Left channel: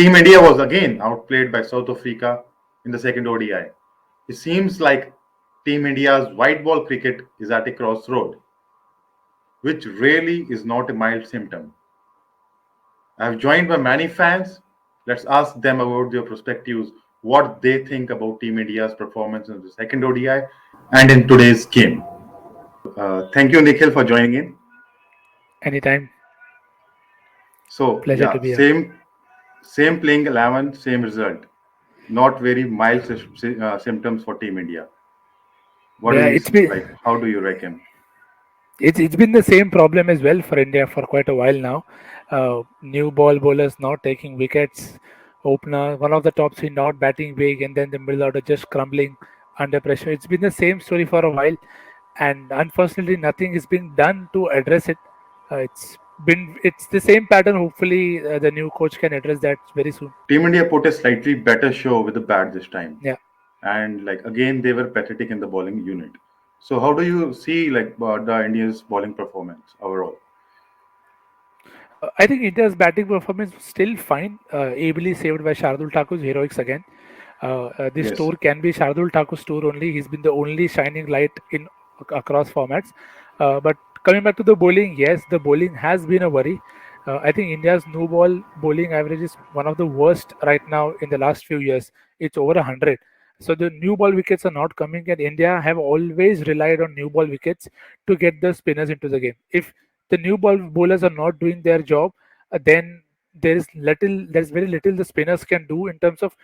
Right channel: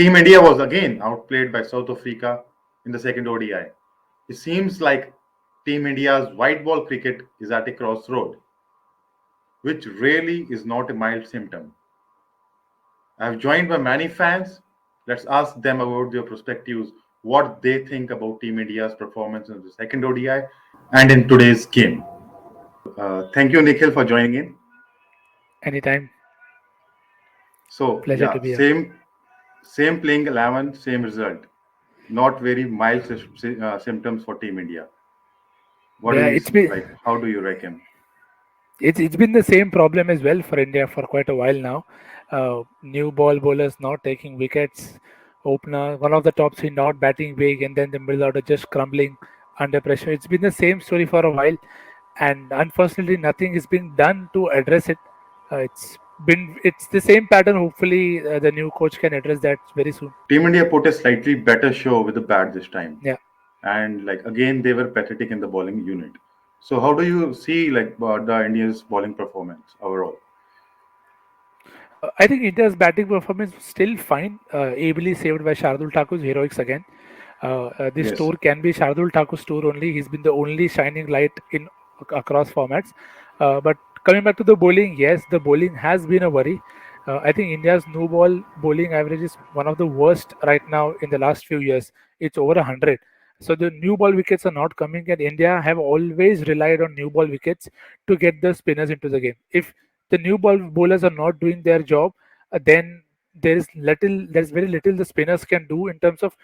Team India was again outplayed by South Africa in the second ODI. It seems like Team India's white ball cricket is at a crossroad, which really is not a mild symptom. I have joined by many fans. Let's ask them about their perspectives, what they think about Team India's performance in the second ODI and in today's game. Thank you, Nikhil, for joining in. Anytime. So, Pleasure yeah, to be here. same playing 11, same result. Not very mild symptoms for Team India. What do Yeah, you it's been like? How do you reckon? it's been the same problem as well for India for quite a while now. New ball bowlers not taking wickets, opener one of the top three not batting big, and then the middle order just crumbling under pressure. It's been the same story for a while, and unfortunately, nothing has been done to address it. It's the same pattern. Hopefully, the new coach can address that very soon. Team India put a slightly better show with the bat this time, Yeah. and like again they were pathetic in the bowling unit. So how do you see like the India's bowling performance overall? I think India's batting performance was still fine, ably saved by Shardul Thakur's heroics again. This Yes. tour can be Shardul Thakur's tour only. He's been the only shining light in across formats. But coming back to the bowling, yes, the bowling has been a worry. I think India's no ball bowling average is one of the worst right now in the last few years. It's over 100. So the new ball wickets are not coming, and India have always relied on new ball wickets to get the spinners into the game. If the new ball bowlers are not doing their job, then there's very little the spinners can do in terms of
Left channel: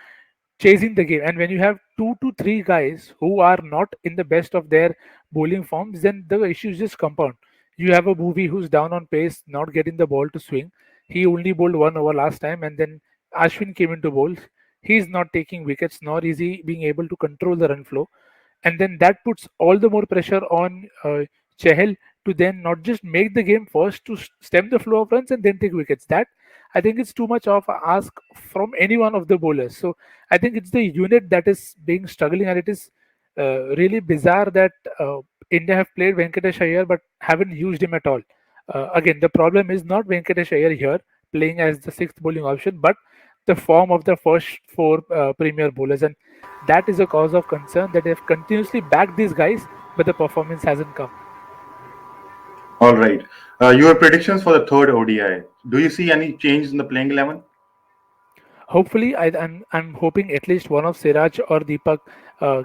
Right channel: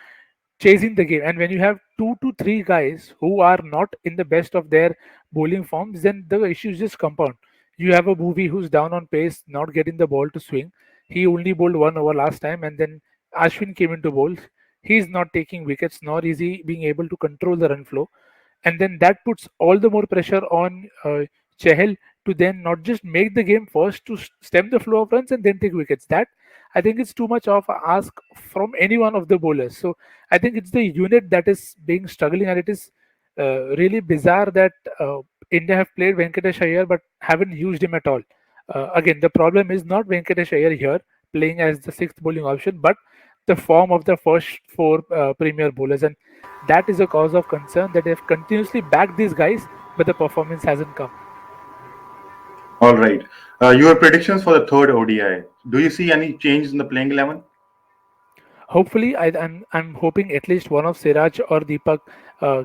chasing the game. And when you have two to three guys who are not in the best of their bowling forms, then the issues just compound. You have a movie who's down on pace, not getting the ball to swing. He only bowled 1 over last time, and then Ashwin came into bowls. He's not taking wickets, nor is he being able to control the run flow. And then that puts all the more pressure on Chehel to then not just make the game first to stem the flow of runs and then take wickets. That I think it's too much of a ask from any one of the bowlers. So I think it's the unit that is being struggling, and it is really bizarre that India have played Venkatesh Iyer but haven't used him at all. Again, the problem is not Venkatesh Iyer here playing as the sixth bowling option, but the form of the first four premier bowlers, and that is a cause of concern that they've continuously backed these guys, but the performance hasn't come. All right. Your predictions for the third ODI. Do you see any changes in the playing 11? Hopefully, I'm hoping at least one of Siraj or Deepak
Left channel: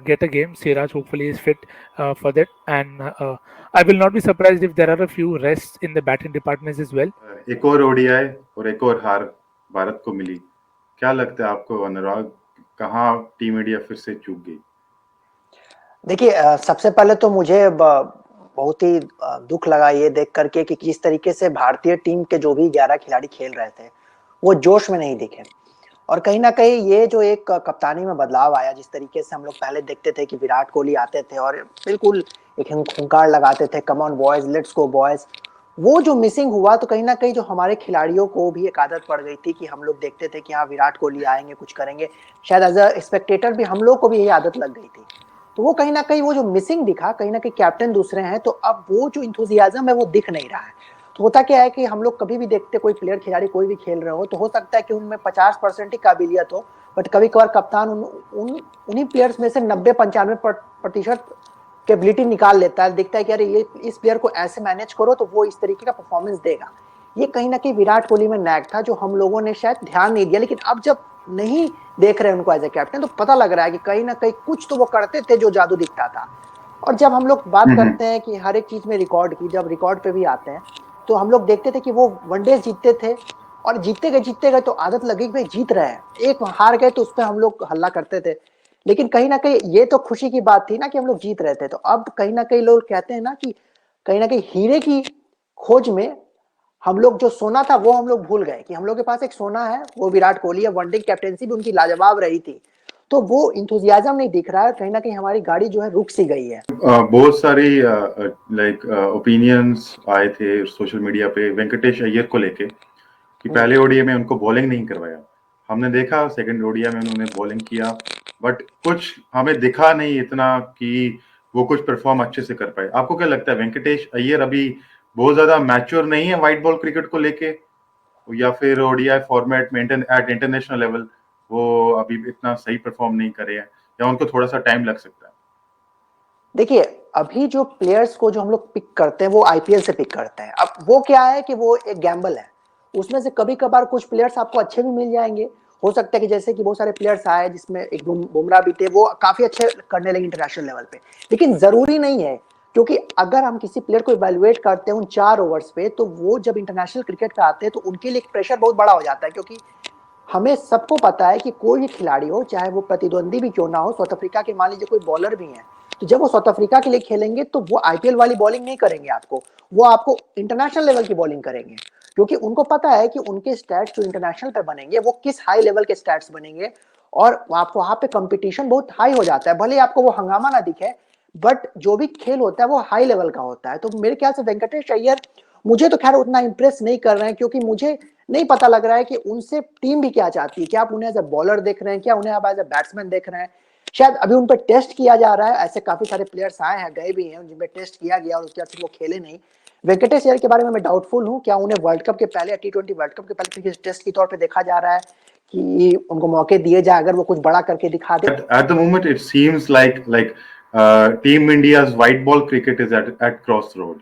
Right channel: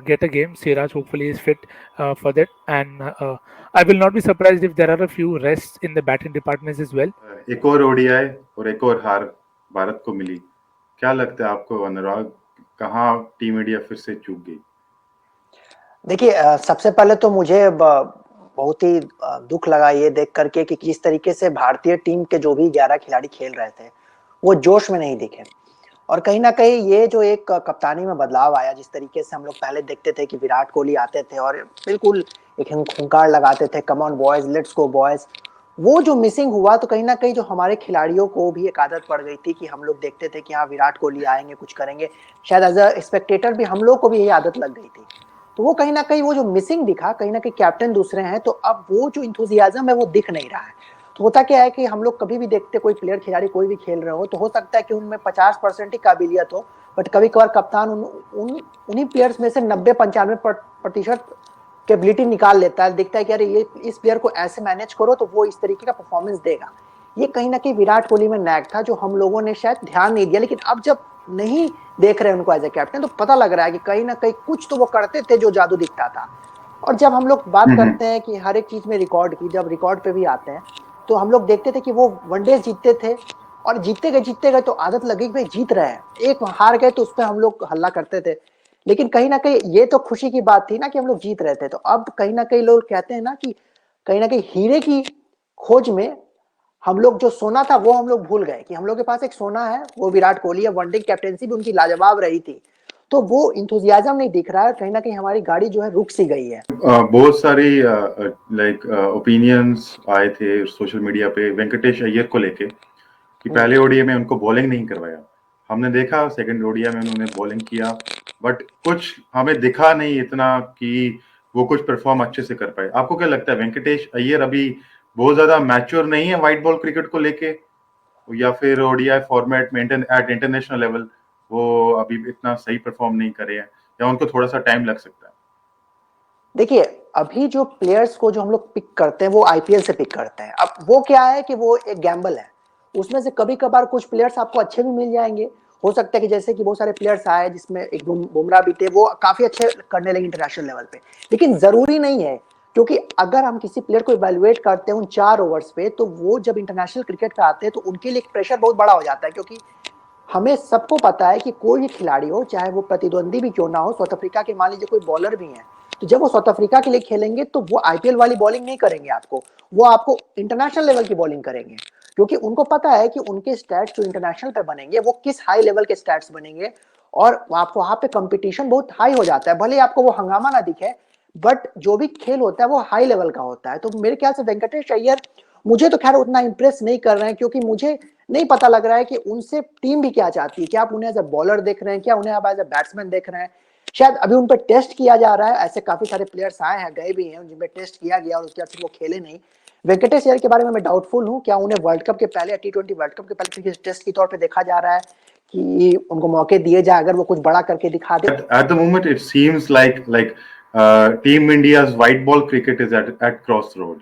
get a game. Siraj hopefully is fit for that, and I will not be surprised if there are a few rests in the batting departments as well. एक और ODI और एक और हार भारत को मिली. क्या लगता है आपको अनुराग, कहाँ टीम इंडिया फिर से चूक गई? देखिए सबसे पहले तो मुझे बहुत ही दुख लगा ये देख करके कि किस तरीके से भारतीय टीम के जो भी 11 खिलाड़ी खेल रहे थे वो जोश में नहीं दिखे, और कहीं ना कहीं ये जो एक कप्तानी में बदलाव आया, जिस तरीके से हम लोग पहले देखते थे कि विराट कोहली आते थे और बिल्कुल एक हुंकार लगाते थे, come on boys, let's go boys, वो जो मिसिंग हुआ तो कहीं ना कहीं जो हमारे खिलाड़ियों को भी एक आदत पड़ गई थी कि हम लोग देखते थे कि हाँ विराट कोहली आएंगे कुछ करेंगे, शायद एज अ स्पेक्टेटर भी हम लोग को भी ये आदत लग गई थी। तो वो कहीं ना कहीं वो जो मिसिंग दिखा, कहीं ना कहीं कैप्टन दूसरे हैं तो अब वो जो इंथुजियाज्म है वो दिख नहीं रहा है। तो होता क्या है कि हम लोग कभी भी देखते कोई प्लेयर खिलाड़ी कोई भी खेल रहे हो तो हो सकता है कि उनमें 50% ही काबिलियत हो, बट कभी कभार कप्तान उन्हीं प्लेयर्स में से 90-95% की एबिलिटी निकाल लेता है, देखता है कि अरे ये इस प्लेयर को ऐसे मैनेज करो तो वो इस तरीके का परफॉर्मेंस देगा। ये कहीं ना कहीं विराट कोहली में नैक था जो हम लोगों ने शायद ध्यान नहीं दिया, लेकिन अब जब नहीं देख रहे हैं उनको एज ए कैप्टन तो पता लग रहा है कि कहीं ना कहीं कुछ तो वो करते थे जो जादू दिखता था। और जब हम लोग बात करते हैं कि हर एक चीज में रिकॉर्ड की, जब रिकॉर्ड पे भी आते हैं तो हम लोग देखते थे कि वो वनडे जीतते थे और जीतते गए तो आदत लगी कि भाई जीत रहे हैं, एक हार गए तो उस पर हम लोग हल्ला करते थे, लेकिन कहीं ना कहीं ये तो खुशी की बात थी ना कि हम लोग जीत रहे थे। तो अब कहीं ना कहीं लोग कहते हैं ना कि कहीं ना कहीं हीरे की खोज में हम लोग जो सोना था वो हम लोग भूल गए कि हम लोग के पास एक सोना है, वो विराट कोहली है, वनडे कैप्टेंसी भी उनकी लाजवाब रही थी, तो वो इंथुजियाज्म नहीं दिख रहा है, कहीं ना कहीं हमारी गाड़ी जो है रुक सी गई है। बहुत सारी लाइक ओपिनियंस आए थे सोशल मीडिया पे वेंकटेश अय्यर को लेके कि पहले ओडीआई में उनको बॉलिंग नहीं करवाया। हमने देखा सेकंड ओडीआई में उन्होंने बॉलिंग किया, बट कुछ हमें दिखा नहीं इतना कि वो कुछ परफॉर्म अच्छे से कर पाए। आपको क्या लगता है वेंकटेश अय्यर अभी बहुत ज्यादा मैच्योर नहीं है व्हाइट बॉल क्रिकेट को लेके? या फिर ODI format maintain at international level वो अभी इतना सही परफॉर्म नहीं करे हैं, या उनको थोड़ा सा टाइम लग सकता है? देखिए, अभी जो प्लेयर्स को जो हम लोग पिक करते हैं वो आईपीएल से पिक करते हैं। अब वो क्या है कि वो एक गैम्बल है, उसमें से कभी कभार कुछ प्लेयर्स आपको अच्छे भी मिल जाएंगे। हो सकता है कि जैसे कि बहुत सारे प्लेयर्स आए जिसमें एक बुमराह भी थे, वो काफी अच्छे करने लगे इंटरनेशनल लेवल पे। लेकिन जरूरी नहीं है, क्योंकि अगर हम किसी प्लेयर को इवेलुएट करते हैं उन 4 ओवर्स पे, तो वो जब इंटरनेशनल क्रिकेट पे आते हैं तो उनके लिए प्रेशर बहुत बड़ा हो जाता है। क्योंकि हमें सबको पता है कि कोई भी खिलाड़ी हो, चाहे वो प्रतिद्वंदी भी क्यों ना हो, साउथ अफ्रीका के मान लीजिए कोई बॉलर भी है, तो जब वो साउथ अफ्रीका के लिए खेलेंगे तो वो आईपीएल वाली बॉलिंग नहीं करेंगे आपको, वो आपको इंटरनेशनल लेवल की बॉलिंग करेंगे। क्योंकि उनको पता है कि उनके स्टैट्स जो इंटरनेशनल पे बनेंगे वो किस हाई लेवल के स्टैट्स बनेंगे, और आप वहां पे कंपटीशन बहुत हाई हो जाता है। भले ही आपको वो हंगामा ना दिखे, बट जो भी खेल होता है वो हाई लेवल का होता है। तो मेरे ख्याल से वेंकटेश अय्यर मुझे तो खैर उतना इंप्रेस नहीं कर रहे हैं, क्योंकि मुझे नहीं पता लग रहा है कि उनसे टीम भी क्या चाहती है। क्या आप उन्हें एज अ बॉलर देख रहे हैं, क्या उन्हें आप एज अ बैट्समैन देख रहे हैं? शायद अभी उन पर टेस्ट किया जा रहा है। ऐसे काफी सारे प्लेयर्स आए हैं, गए भी हैं, जिनपे टेस्ट किया गया और उसके बाद फिर वो खेले नहीं। वेंकटेश अय्यर के बारे में मैं डाउटफुल हूँ, क्या उन्हें वर्ल्ड कप के पहले या टी20 वर्ल्ड कप के पहले टेस्ट के तौर पर देखा जा रहा है कि उनको मौके दिए जाए, अगर वो कुछ बड़ा करके दिखा दे। At the moment, it seems like Team India's white ball cricket is at crossroad,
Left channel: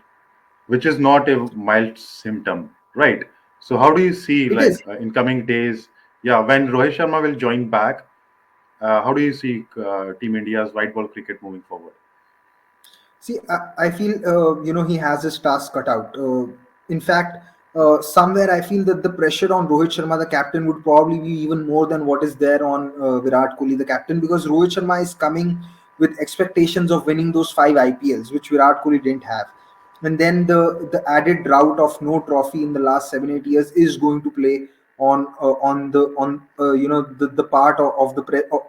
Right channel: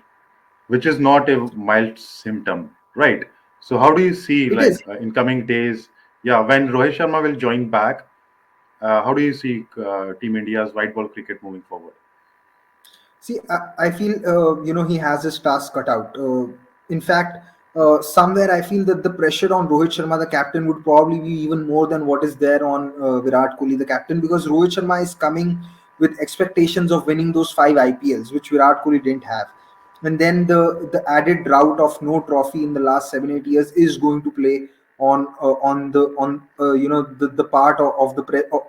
which is not a mild symptom, right? So how do you see It is. in coming days? Yeah, when Rohit Sharma will join back, how do you see Team India's white ball cricket moving forward? See, I feel he has his task cut out. In fact, somewhere I feel that the pressure on Rohit Sharma, the captain, would probably be even more than what is there on Virat Kohli, the captain, because Rohit Sharma is coming with expectations of winning those 5 IPLs, which Virat Kohli didn't have. And then the added drought of no trophy in the last 7 8 years is going to play on the part of the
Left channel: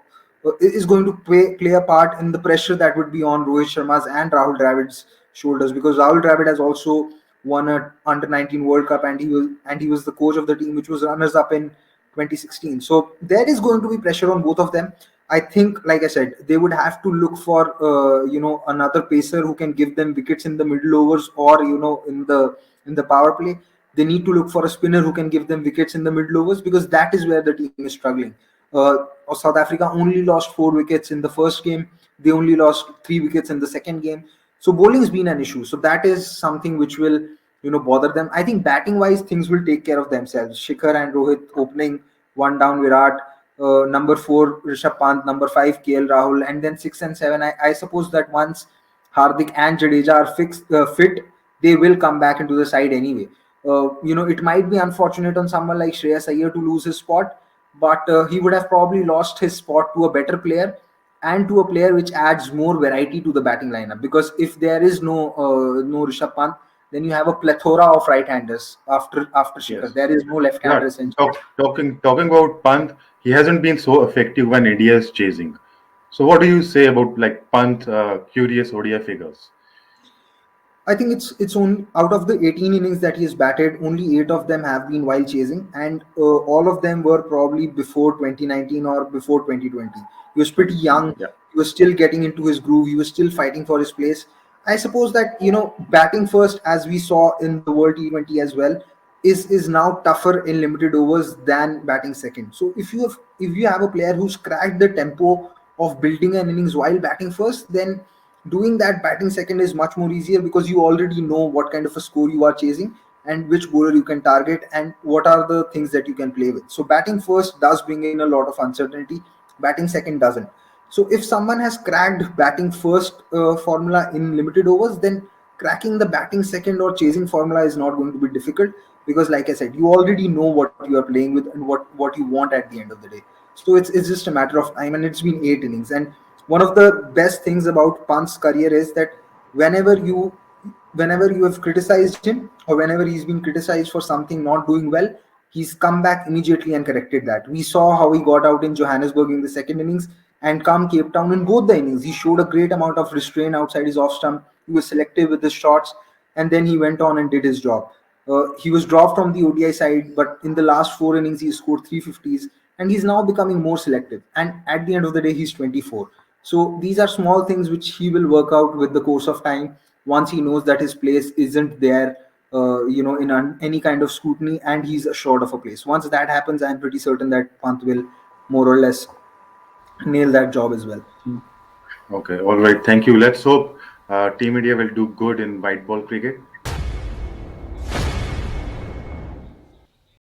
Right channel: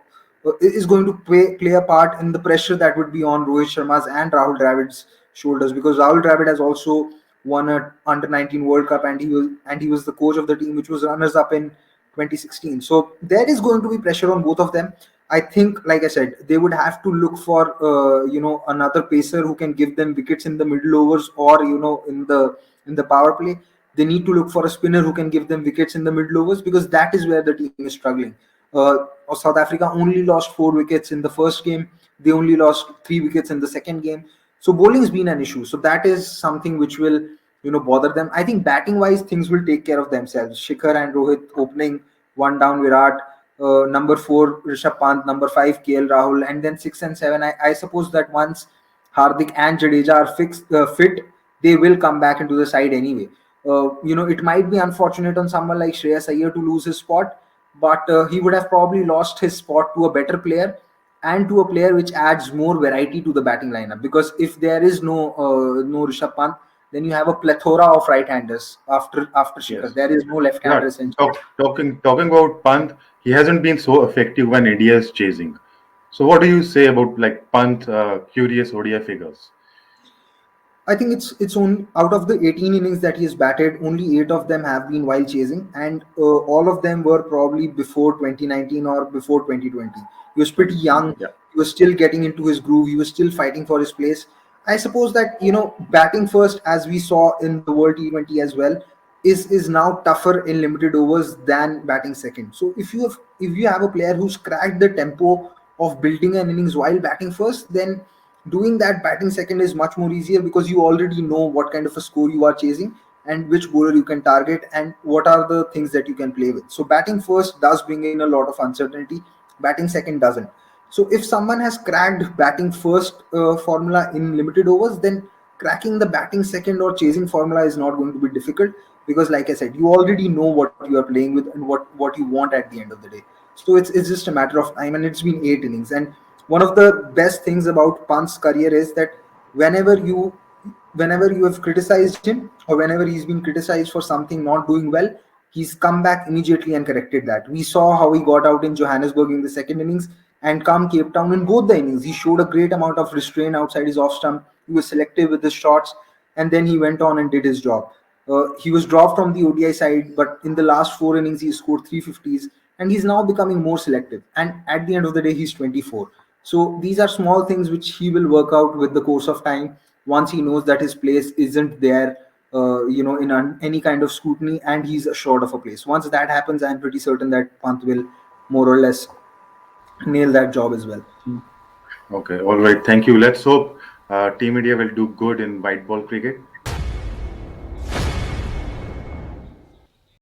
is going to play a part in the pressure that would be on Rohit Sharma's and Rahul Dravid's shoulders, because Rahul Dravid has also won a under 19 World Cup, and he was the coach of the team which was runners up in 2016. So there is going to be pressure on both of them. I think, like I said, they would have to look for another pacer who can give them wickets in the middle overs, or in the power play. They need to look for a spinner who can give them wickets in the middle overs, because that is where the team is struggling. South Africa only lost 4 wickets in the first game. They only lost 3 wickets in the second game. So bowling has been an issue. So that is something which will bother them. I think batting wise things will take care of themselves. Shikhar and Rohit opening, one down Virat, number 4 Rishabh Pant, number 5 KL Rahul, and then 6 and 7. I suppose that once Hardik and Jadeja are fit, they will come back into the side anyway. It might be unfortunate on someone like Shreyas Iyer to lose his spot, but he would have probably lost his spot to a better player, and to a player which adds more variety to the batting lineup. Because if there is no Rishabh Pant, then you have a plethora of right-handers after Shikhar. Yes. There is no Yeah, left-hander essentially. talking about Pant, he hasn't been so effective when India is chasing. So what do you say about like Pant curious ODI figures? I think it's on out of the 18 innings that he has batted, only 8 of them have been while chasing, and all of them were probably before 2019 or before 2020. He was pretty young. 2020, yeah. He was still getting into his groove. He was still fighting for his place. I suppose that batting first, as we saw in the World T20 as well, is now tougher in limited overs than batting second. So if you have a player who's cracked the tempo of building an innings while batting first, then doing that batting second is much more easier, because you already know what kind of a score you are chasing, and which bowler you can target, and what are the things that you can play with. So batting first does bring in a lot of uncertainty, batting second doesn't. So if someone has cracked batting first formula in limited overs, then cracking the batting second or chasing formula is not going to be difficult, because like I said, you already know what you are playing with and what you want at the end of the day. So it's just a matter of time, and it's been 8 innings. And one of the best things about Pant's career is that whenever you whenever you have criticized him, or whenever he's been criticized for something not doing well, he's come back immediately and corrected that. We saw how he got out in Johannesburg in the second innings, and come Cape Town in both the innings, he showed a great amount of restraint outside his off stump. He was selective with his shots, and then he went on and did his job. He was dropped from the ODI side, but in the last 4 innings, he scored 350s, and he's now becoming more selective. And at the end of the day, he's 24. So these are small things which he will work out with the course of time, once he knows that his place isn't there in any kind of scrutiny, and he's assured of a place. Once that happens, I'm pretty certain that Pant will more or less nail that job as well. Okay, all right. Thank you. Let's hope Team India will do good in white ball cricket.